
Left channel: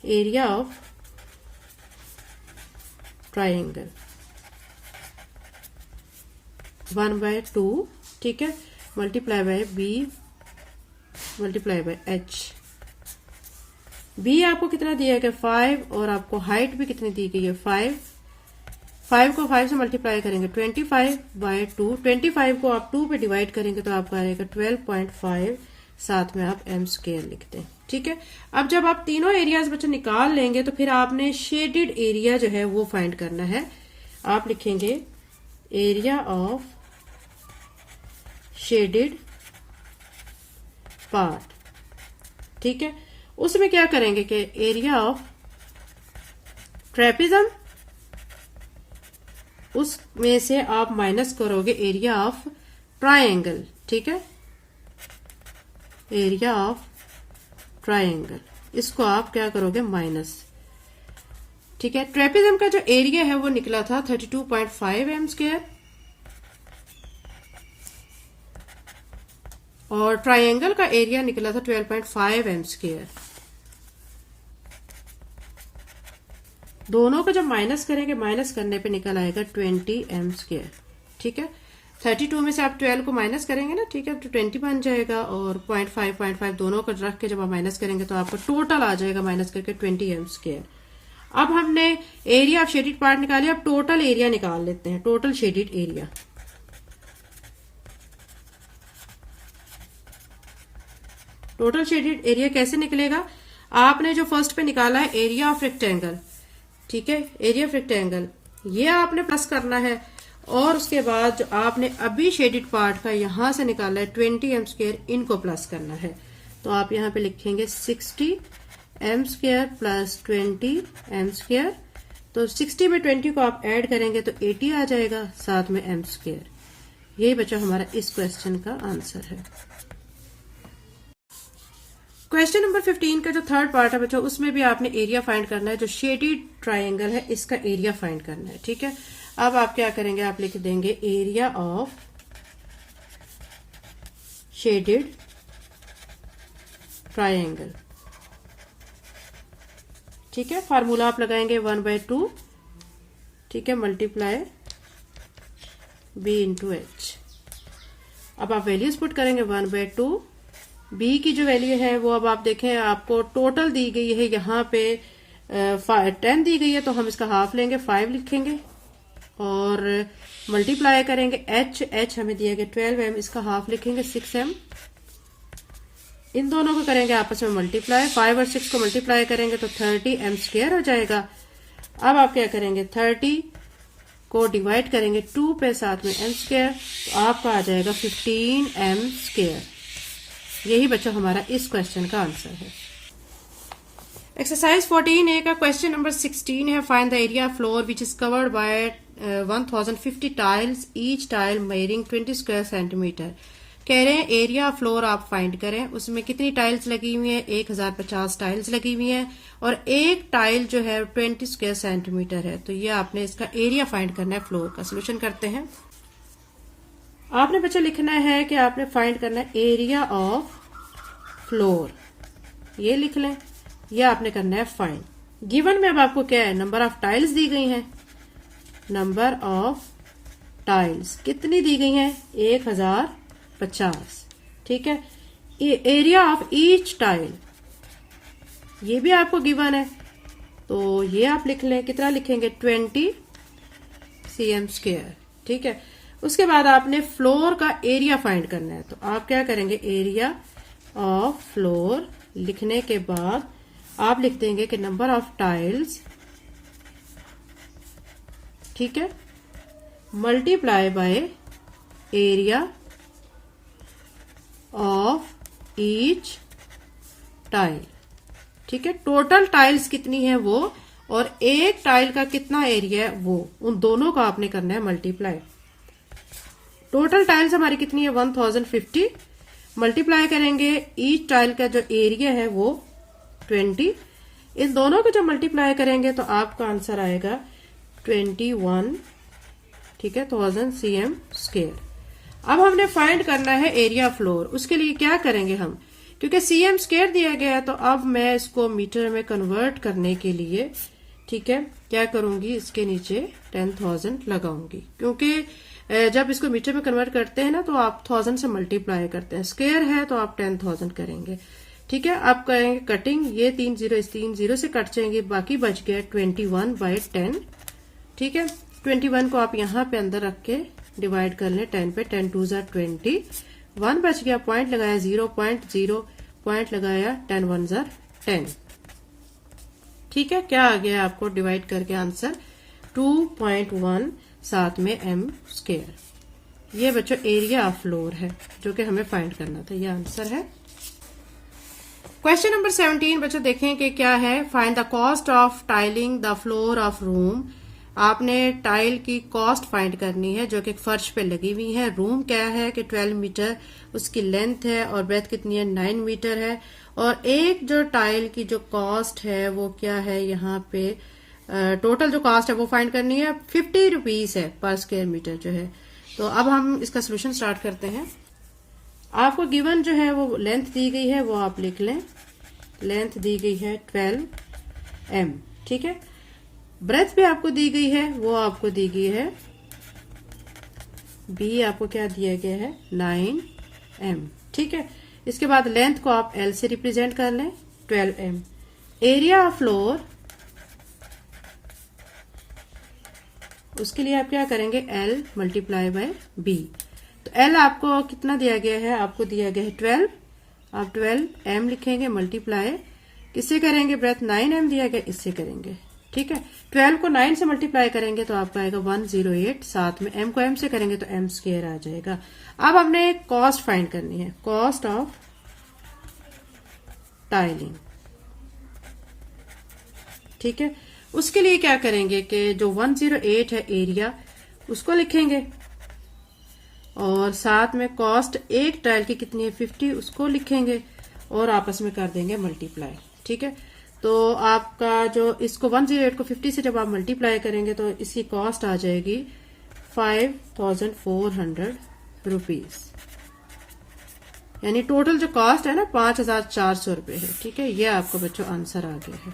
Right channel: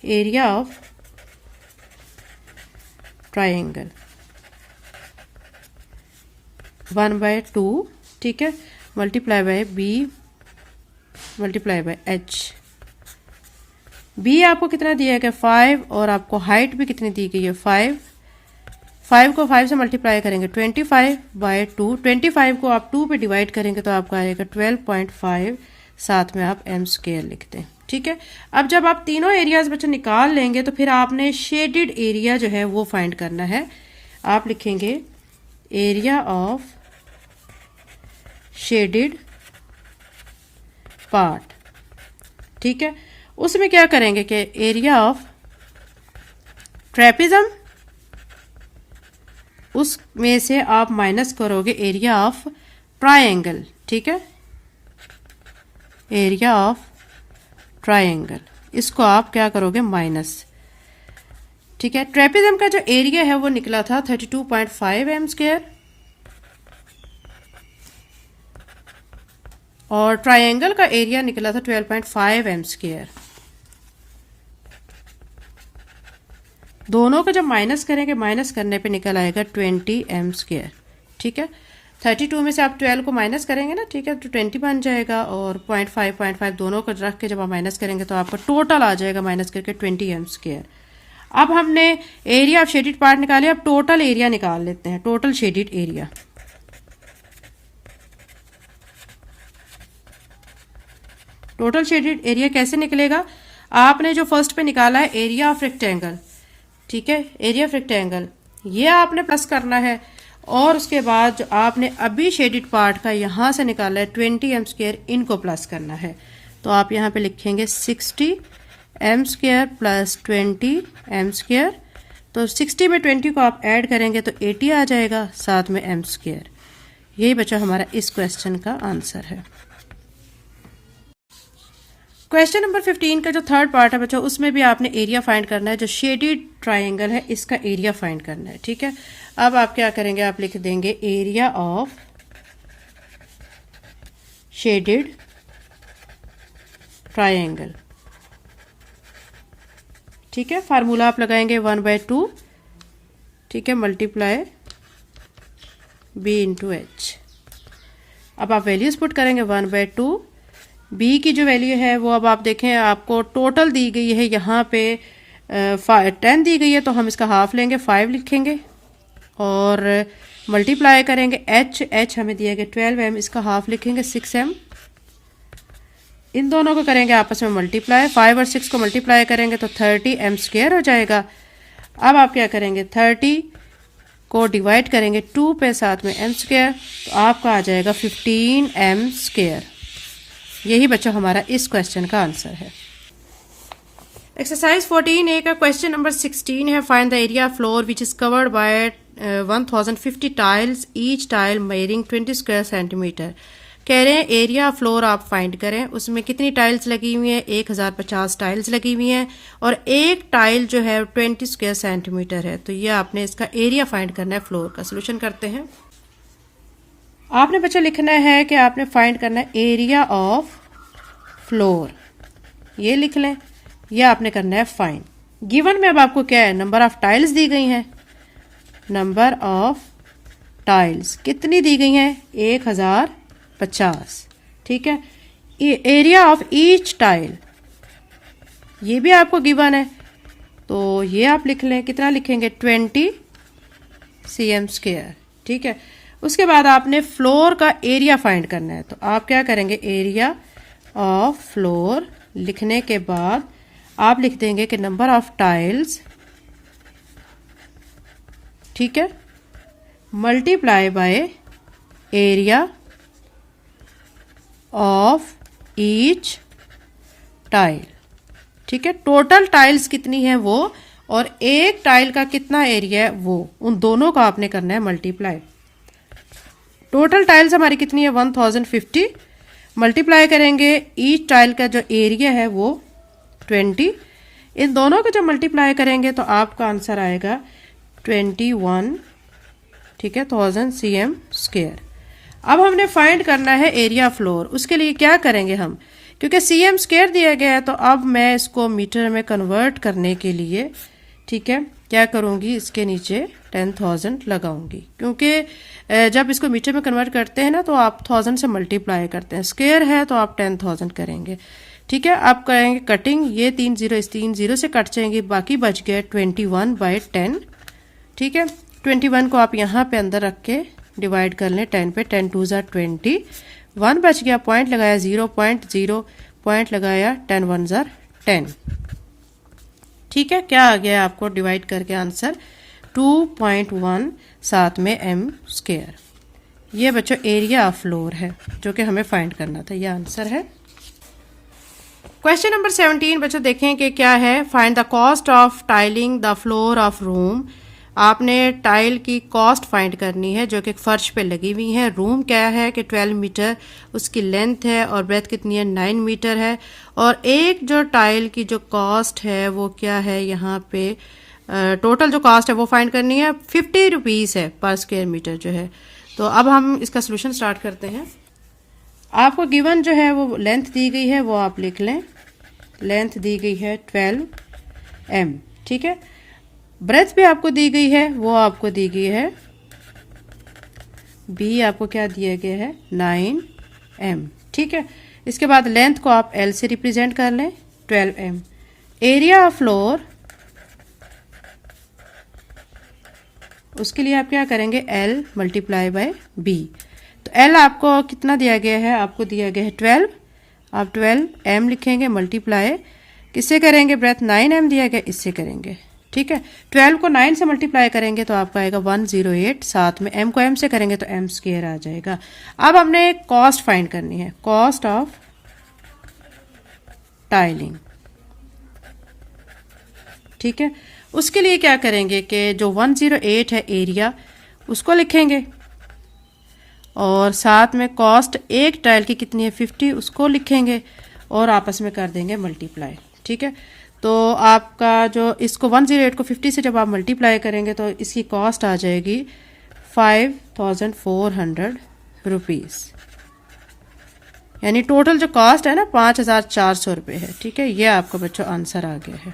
एरिया ऑफ ट्रायंगल 1/2, ठीक है, multiply by b multiply by h. B आपको कितना दिया गया 5, और आपको हाइट भी कितनी दी गई है 5। 5 को 5 से मल्टीप्लाई करेंगे 25/2, 25 को आप 2 पे डिवाइड करेंगे तो आपको आएगा 12.5, साथ में आप एम स्क्वायर लिखते हैं। ठीक है, अब जब आप तीनों एरियाज बच्चों निकाल लेंगे तो फिर आपने शेडेड एरिया जो है वो फाइंड करना है। आप लिखेंगे एरिया ऑफ शेडेड पार्ट। ठीक है, उसमें क्या करेंगे कि एरिया ऑफ ट्रेपेजियम, उसमें से आप माइनस करोगे एरिया ऑफ ट्रायंगल। ठीक है, एरिया ऑफ ट्रायंगल, इसको आप क्या करोगे माइनस। ठीक है, ट्रेपेजियम का जो एरिया है वो निकला था 32.5 एम स्क्वायर। और ट्रायंगल का एरिया निकला था 12.5 एम स्क्वायर। दोनों को जब माइनस करेंगे, माइनस करने पे निकल आएगा 20 एम स्क्वायर। ठीक है, 32 में से आप 12 को माइनस करेंगे ना, ठीक है, तो 20 बन जाएगा और 0.5 दोनों को रख के जब आप माइनस करेंगे तो आपका टोटल आ जाएगा माइनस करके 20 एम स्क्वायर। अब हमने एरिया ऑफ शेडेड पार्ट निकाले, अब टोटल एरिया निकाल लेते हैं, total shaded area. Total shaded area कैसे निकलेगा? आपने जो फर्स्ट पे निकाला है एरिया ऑफ रेक्टेंगल, ठीक है, एरिया ऑफ रेक्टेंगल, ये आपने प्लस करना है और उसके बाद जो आपने अभी शेडेड पार्ट का यहां से निकाला है 20 एम स्क्वायर, इनको प्लस करना है। तो आप यहां पे लिखेंगे 60 m square plus 20 m square. तो 60 में 20 को आप ऐड करेंगे तो 80 आ जाएगा, साथ में एम स्क्वायर। यही बचा हमारा इस क्वेश्चन का आंसर है। क्वेश्चन नंबर 15 का जो थर्ड पार्ट है बच्चों, उसमें भी आपने एरिया फाइंड करना है। जो शेडेड ट्रायंगल है इसका एरिया फाइंड करना है। ठीक है, अब आप क्या करेंगे, आप लिख देंगे एरिया ऑफ शेडेड ट्रायंगल। ठीक है, फार्मूला आप लगाएंगे 1/2, ठीक है, मल्टीप्लाई b इंटू एच। अब आप वैल्यूज पुट करेंगे 1/2। b की जो वैल्यू है वो अब आप देखें, आपको टोटल दी गई है यहाँ पे 10 दी गई है, तो हम इसका हाफ लेंगे, 5 लिखेंगे और मल्टीप्लाई करेंगे h हमें दिया गया 12m, इसका हाफ लिखेंगे 6m। इन दोनों को करेंगे आपस में मल्टीप्लाई, 5 और 6 को मल्टीप्लाई करेंगे तो 30 एम स्क्वायर हो जाएगा। अब आप क्या करेंगे, 30 को डिवाइड करेंगे 2 पे, साथ में एम स्क्वायर, तो आपका आ जाएगा 15 एम स्क्वायर। यही बच्चों हमारा इस क्वेश्चन का आंसर है। एक्सरसाइज 14A का क्वेश्चन नंबर 16 है, find the area floor which is covered by 1050 tiles, each tile measuring 20 square centimetre. कह रहे हैं एरिया फ्लोर आप फाइंड करें, उसमें कितनी टाइल्स लगी हुई हैं, 1050 टाइल्स लगी हुई हैं और एक टाइल जो है 20 स्क्वायर सेंटीमीटर है। तो ये आपने इसका एरिया फाइंड करना है फ्लोर का। सोल्यूशन करते हैं। आपने बच्चा लिखना है कि आपने फाइंड करना है एरिया ऑफ फ्लोर, ये लिख लें, यह आपने करना है फाइंड। गिवन में अब आपको क्या है, नंबर ऑफ टाइल्स दी गई हैं, नंबर ऑफ टाइल्स कितनी दी गई हैं, 1050। ठीक है, एरिया ऑफ ईच टाइल ये भी आपको गिवन है, तो ये आप लिख लें, कितना लिखेंगे, 20 cm स्क्वायर। ठीक है, उसके बाद आपने फ्लोर का एरिया फाइंड करना है, तो आप क्या करेंगे, एरिया ऑफ फ्लोर लिखने के बाद आप लिख देंगे कि नंबर ऑफ टाइल्स, ठीक है, multiply by area of each tile. ठीक है, टोटल टाइल्स कितनी है वो और एक टाइल का कितना एरिया है वो, उन दोनों का आपने करना है मल्टीप्लाई। टोटल टाइल्स हमारी कितनी है, 1050, मल्टीप्लाई करेंगे ईच टाइल का जो एरिया है वो 20, इन दोनों को जब मल्टीप्लाई करेंगे तो आपका आंसर आएगा 21, ठीक है, 1000 cm स्क्वायर। अब हमने फाइंड करना है एरिया फ्लोर, उसके लिए क्या करेंगे हम, क्योंकि cm स्क्वायर दिया गया है तो अब मैं इसको मीटर में कन्वर्ट करने के लिए, ठीक है, क्या करूंगी, इसके नीचे 10,000 लगाऊंगी, क्योंकि जब इसको मीटर में कन्वर्ट करते हैं ना तो आप 1000 से मल्टीप्लाई करते हैं, स्क्वायर है तो आप 10,000 करेंगे। ठीक है, आप करेंगे कटिंग, ये 3 0 इस 3 0 से कट जाएंगे, बाकी बच गए 21/10। ठीक है, 21 को आप यहाँ पे अंदर रख के डिवाइड कर लें 10 पे, 10 2 = 20, 1 बच गया, पॉइंट लगाया 0.0, पॉइंट लगाया 10 1 = 10। ठीक है, क्या आ गया आपको डिवाइड करके आंसर 2.1, साथ में एम स्क्वायर। ये बच्चों एरिया ऑफ फ्लोर है जो कि हमें फाइंड करना था, ये आंसर है। क्वेश्चन नंबर 17 बच्चों देखें कि क्या है, find the cost of tiling the floor of room. आपने टाइल की कॉस्ट फाइंड करनी है जो कि फर्श पे लगी हुई है। रूम क्या है कि 12 मीटर उसकी लेंथ है और ब्रेथ कितनी है, 9 मीटर है। और एक जो टाइल की जो कॉस्ट है वो क्या है, यहाँ पे टोटल जो कॉस्ट है वो फाइंड करनी है, 50 रुपीज है पर स्क्वायर मीटर जो है। तो अब हम इसका सोल्यूशन स्टार्ट करते हैं। आपको गिवन जो है वो लेंथ दी गई है, वो आप लिख लें। लेंथ दी गई है 12 m, ठीक है। ब्रेथ भी आपको दी गई है, वो आपको दी गई है बी, आपको क्या दिया गया है 9 m, ठीक है। इसके बाद लेंथ को आप L से रिप्रेजेंट कर लें 12 m। एरिया ऑफ फ्लोर, उसके लिए आप क्या करेंगे L मल्टीप्लाई बाय B। तो L आपको कितना दिया गया है, आपको दिया गया है 12, आप 12 m लिखेंगे मल्टीप्लाई किससे करेंगे, ब्रेथ 9 m दिया गया इससे करेंगे, ठीक है। 12 को 9 से मल्टीप्लाई करेंगे तो आपका आएगा 108, साथ में m को m से करेंगे तो m स्क्वायर आ जाएगा। अब हमने कॉस्ट फाइंड करनी है, कॉस्ट ऑफ टाइलिंग, ठीक है। उसके लिए क्या करेंगे कि जो 108 है एरिया उसको लिखेंगे और साथ में कॉस्ट एक टाइल की कितनी है 50, उसको लिखेंगे और आपस में कर देंगे मल्टीप्लाई, ठीक है। तो आपका जो इसको 108 को 50 से जब आप मल्टीप्लाई करेंगे तो इसकी कॉस्ट आ जाएगी 5400 रुपीज़, यानी टोटल जो कॉस्ट है ना 5400 रुपये है, ठीक है। ये आपका बच्चों आंसर आ गया है।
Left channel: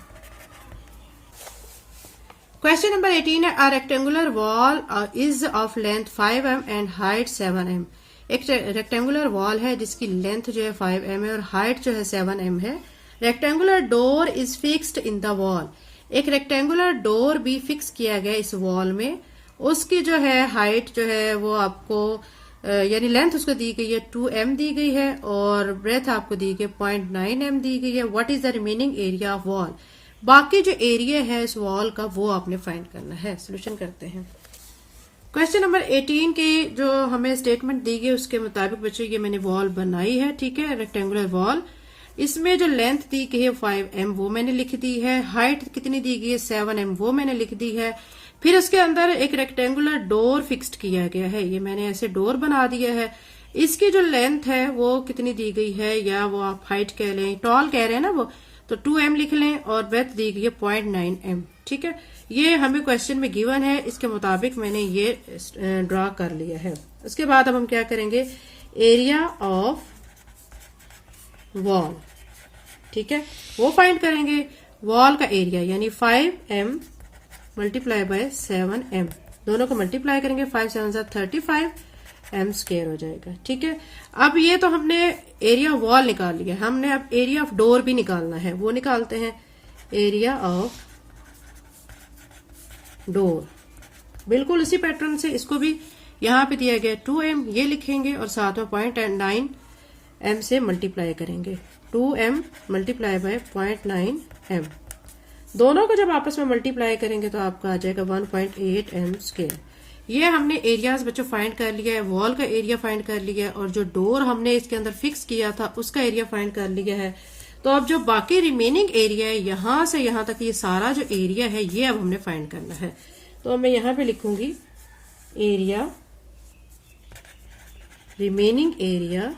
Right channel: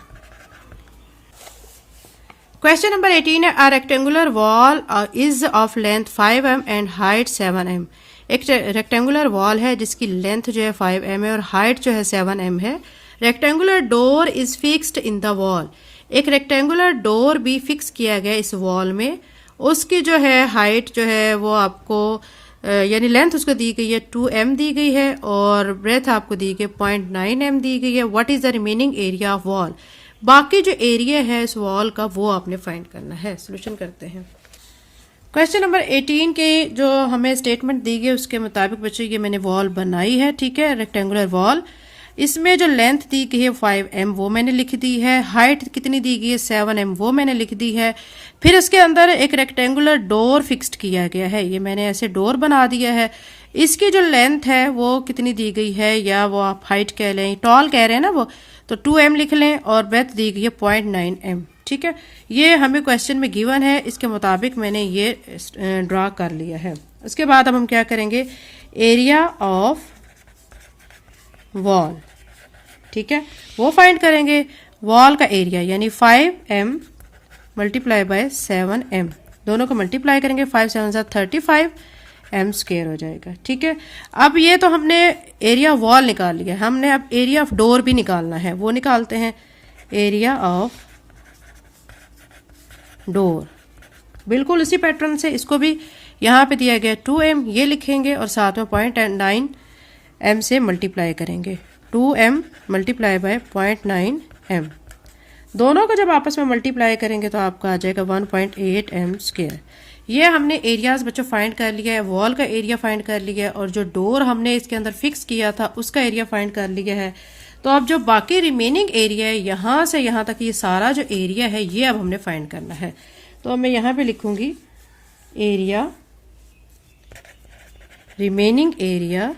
क्वेश्चन नंबर 18 है, a rectangular wall is of length 5 m and height 7 m। एक रेक्टेंगुलर वॉल है जिसकी लेंथ जो है 5 m है और हाइट जो है 7 m है। Rectangular door is fixed in the wall, एक रेक्टेंगुलर डोर भी फिक्स किया गया इस वॉल में। उसकी जो है हाइट जो है वो आपको यानी लेंथ उसको दी गई है 2 m दी गई है और ब्रेथ आपको दी गई 0.9 m दी गई है। What is the remaining area of wall, बाकी जो एरिया है इस वॉल का वो आपने फाइंड करना है। सोल्यूशन करते हैं। क्वेश्चन नंबर 18 के जो हमें स्टेटमेंट दी गई उसके मुताबिक बच्चों ये मैंने वॉल बनाई है, ठीक है, रेक्टेंगुलर वॉल। इसमें जो लेंथ दी गई है 5 m वो मैंने लिख दी है, हाइट कितनी दी गई है 7 m वो मैंने लिख दी है। फिर उसके अंदर एक रेक्टेंगुलर डोर फिक्स्ड किया गया है, ये मैंने ऐसे डोर बना दिया है। इसकी जो लेंथ है वो कितनी दी गई है, या वो आप हाइट कह लें, टॉल कह रहे हैं ना वो, तो 2 m लिख लें और ब्रेथ दी गई है 0.9 m, ठीक है। ये हमें क्वेश्चन में गिवन है, इसके मुताबिक मैंने ये ड्रा कर लिया है। उसके बाद अब हम क्या करेंगे, एरिया ऑफ वॉल, ठीक है, वो फाइंड करेंगे। वॉल का एरिया यानी 5 m मल्टीप्लाई बाय 7 m, दोनों को मल्टीप्लाई करेंगे 5 7 35 m स्क्वायर हो जाएगा, ठीक है। अब ये तो हमने एरिया वॉल निकाल लिया, हमने अब एरिया ऑफ डोर भी निकालना है, वो निकालते हैं। एरिया ऑफ डोर बिल्कुल उसी पैटर्न से, इसको भी यहाँ पे दिया गया 2 m, ये लिखेंगे और साथ में 0.9 m से मल्टीप्लाई करेंगे। 2 m मल्टीप्लाई बाय 0.9 m, दोनों को जब आपस में मल्टीप्लाई करेंगे तो आपका आ जाएगा 1.8 m स्क्वायर। ये हमने एरियाज बच्चों फाइंड कर लिया है, वॉल का एरिया फाइंड कर लिया है और जो डोर हमने इसके अंदर फिक्स किया था उसका एरिया फाइंड कर लिया है। तो अब जो बाकी रिमेनिंग एरिया है यहां से यहां तक ये सारा जो एरिया है ये अब हमने फाइंड करना है। तो मैं यहां पे लिखूंगी area, remaining area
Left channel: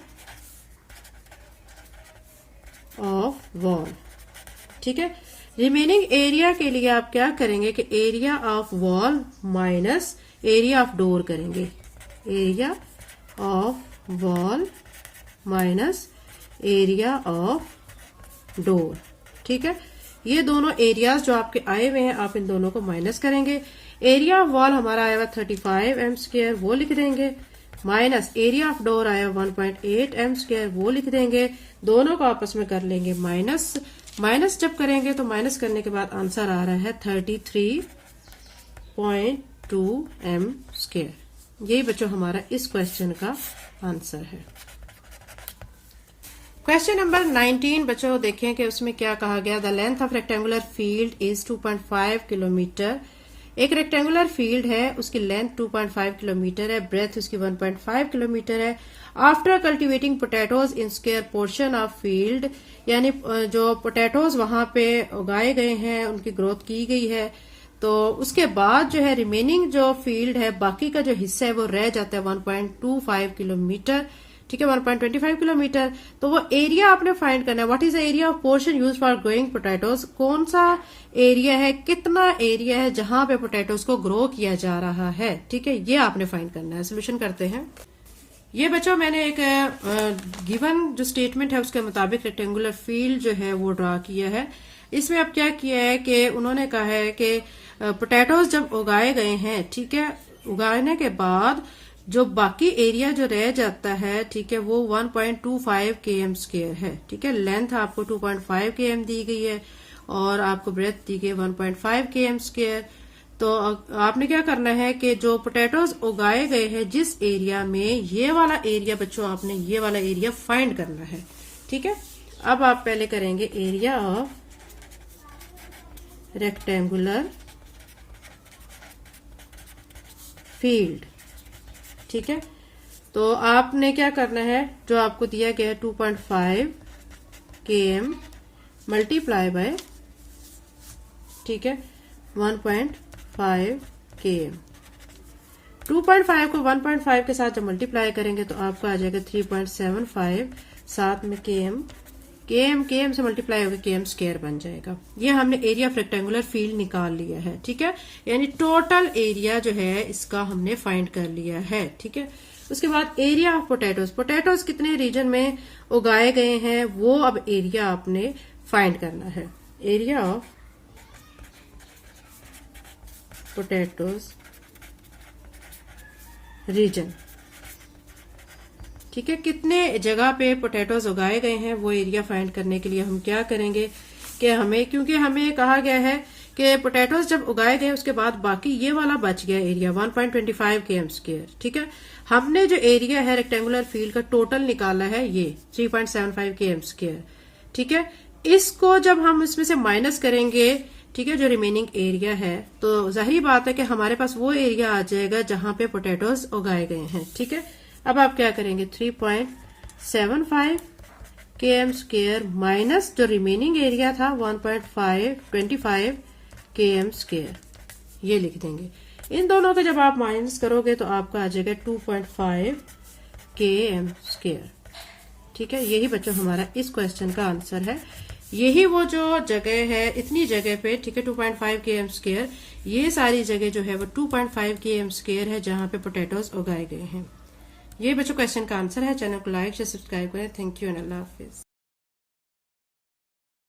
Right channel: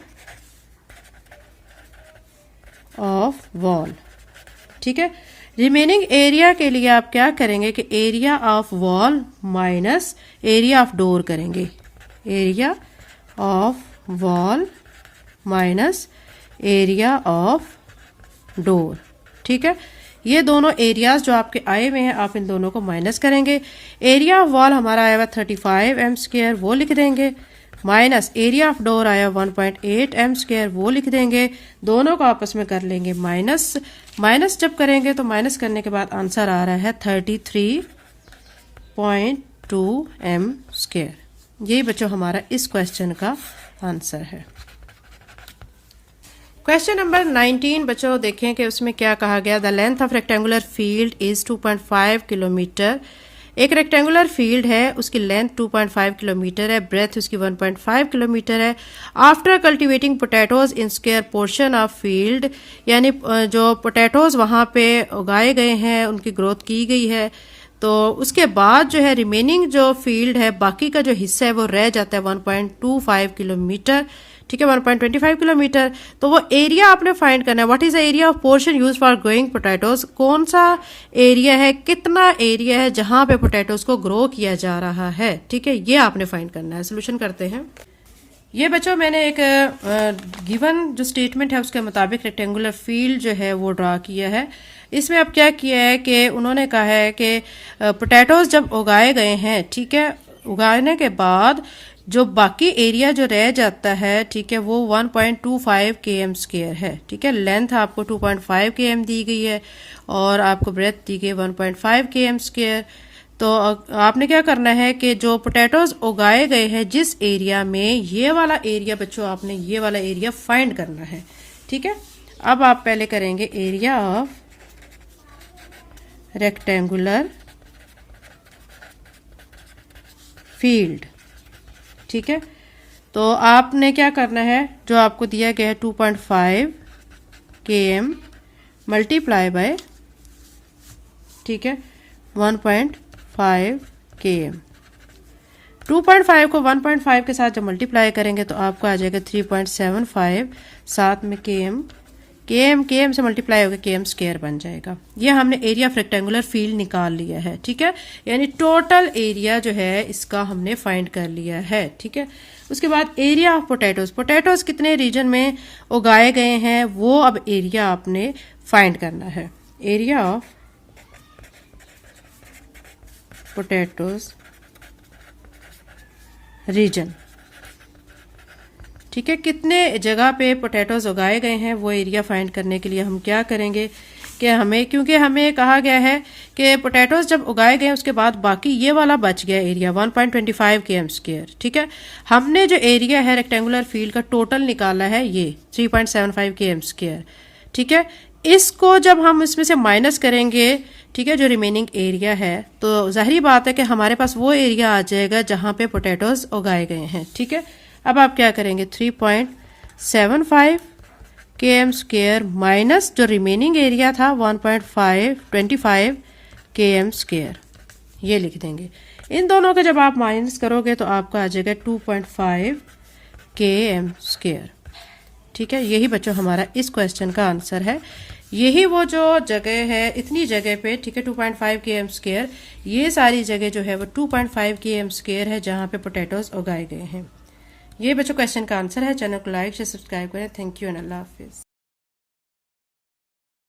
of wall, ठीक है। रिमेनिंग एरिया के लिए आप क्या करेंगे कि area of wall minus area of door करेंगे। Area of wall minus area of door, ठीक है। ये दोनों एरियाज जो आपके आए हुए हैं आप इन दोनों को माइनस करेंगे। एरिया ऑफ वॉल हमारा आया हुआ 35 m स्क्वायर, वो लिख देंगे, माइनस एरिया ऑफ डोर आया 1.8 m स्क्वायर, वो लिख देंगे। दोनों को आपस में कर लेंगे माइनस, माइनस जब करेंगे तो माइनस करने के बाद आंसर आ रहा है 33.2 m स्क्वायर। यही बच्चों हमारा इस क्वेश्चन का आंसर है। क्वेश्चन नंबर 19 बच्चों देखें कि उसमें क्या कहा गया, the length of rectangular field is 2.5 kilometre. एक रेक्टेंगुलर फील्ड है, उसकी लेंथ 2.5 किलोमीटर है, ब्रेथ उसकी 1.5 किलोमीटर है। After cultivating potatoes in square portion of field, यानी जो पोटैटोज वहां पे उगाए गए हैं उनकी ग्रोथ की गई है, तो उसके बाद जो है रिमेनिंग जो फील्ड है बाकी का जो हिस्सा है वो रह जाता है 1.25 किलोमीटर, ठीक है, 1.25 किलोमीटर। तो वो एरिया आपने फाइंड करना है। What is the area of portion use for growing potatoes, कौन सा एरिया है, कितना एरिया है जहां पे पोटैटोज को ग्रो किया जा रहा है, ठीक है, ये आपने फाइंड करना है। सोल्यूशन करते हैं। ये बच्चों मैंने एक गिवन जो स्टेटमेंट है उसके मुताबिक रेक्टेंगुलर फील्ड जो है वो ड्रा किया है। इसमें अब क्या किया है कि उन्होंने कहा है कि पोटैटोज जब उगाए गए हैं, ठीक है, उगाने के बाद जो बाकी एरिया जो रह जाता है, ठीक है, वो 1.25 km स्क्वायर है। ठीक है, लेंथ आपको 2.5 km दी गई है और आपको ब्रेथ दी गई 1.5 km स्क्वायर। तो आपने क्या करना है कि जो पोटैटोज उगाए गए हैं जिस एरिया में, ये वाला एरिया बच्चों आपने ये वाला एरिया फाइंड करना है। ठीक है, अब आप पहले करेंगे एरिया ऑफ रेक्टेंगुलर फील्ड। ठीक है, तो आपने क्या करना है, जो आपको दिया गया है 2.5 km मल्टीप्लाई बाय, ठीक है, 1.5 km। 2.5 को 1.5 के साथ जब मल्टीप्लाई करेंगे तो आपको आ जाएगा 3.75, साथ में km से मल्टीप्लाई होकर km स्क्वायर बन जाएगा। ये हमने एरिया ऑफ रेक्टेंगुलर फील्ड निकाल लिया है। ठीक है, यानी टोटल एरिया जो है इसका हमने फाइंड कर लिया है। ठीक है, उसके बाद एरिया ऑफ पोटैटोज कितने रीजन में उगाए गए हैं वो अब एरिया आपने फाइंड करना है। एरिया ऑफ पोटैटोज रीजन, ठीक है, कितने जगह पे पोटैटोज उगाए गए हैं वो एरिया फाइंड करने के लिए हम क्या करेंगे कि हमें, क्योंकि हमें कहा गया है कि पोटैटोज जब उगाए गए उसके बाद बाकी ये वाला बच गया एरिया 1.25 km स्क्वायर। ठीक है, हमने जो एरिया है रेक्टेंगुलर फील्ड का टोटल निकाला है ये 3.75 km स्क्वायर। ठीक है, इसको जब हम इसमें से माइनस करेंगे, ठीक है, जो रिमेनिंग एरिया है, तो जाहिर बात है कि हमारे पास वो एरिया आ जाएगा जहां पे पोटैटोज उगाए गए हैं। ठीक है, अब आप क्या करेंगे 3.75 km स्क्वायर माइनस जो रिमेनिंग एरिया था 1.25 km स्क्वायर, ये लिख देंगे। इन दोनों के जब आप माइनस करोगे तो आपका आ जाएगा 2.5 km स्क्वायर। ठीक है, यही बच्चों हमारा इस क्वेश्चन का आंसर है। यही वो जो जगह है, इतनी जगह पे, ठीक है, 2.5 km स्क्वायर, ये सारी जगह जो है वो 2.5 km स्क्वायर है जहां पे पोटैटोज उगाए गए हैं। ये बच्चों क्वेश्चन का आंसर है। चैनल को लाइक शेयर सब्सक्राइब करें। Thank you and Allah Hafiz.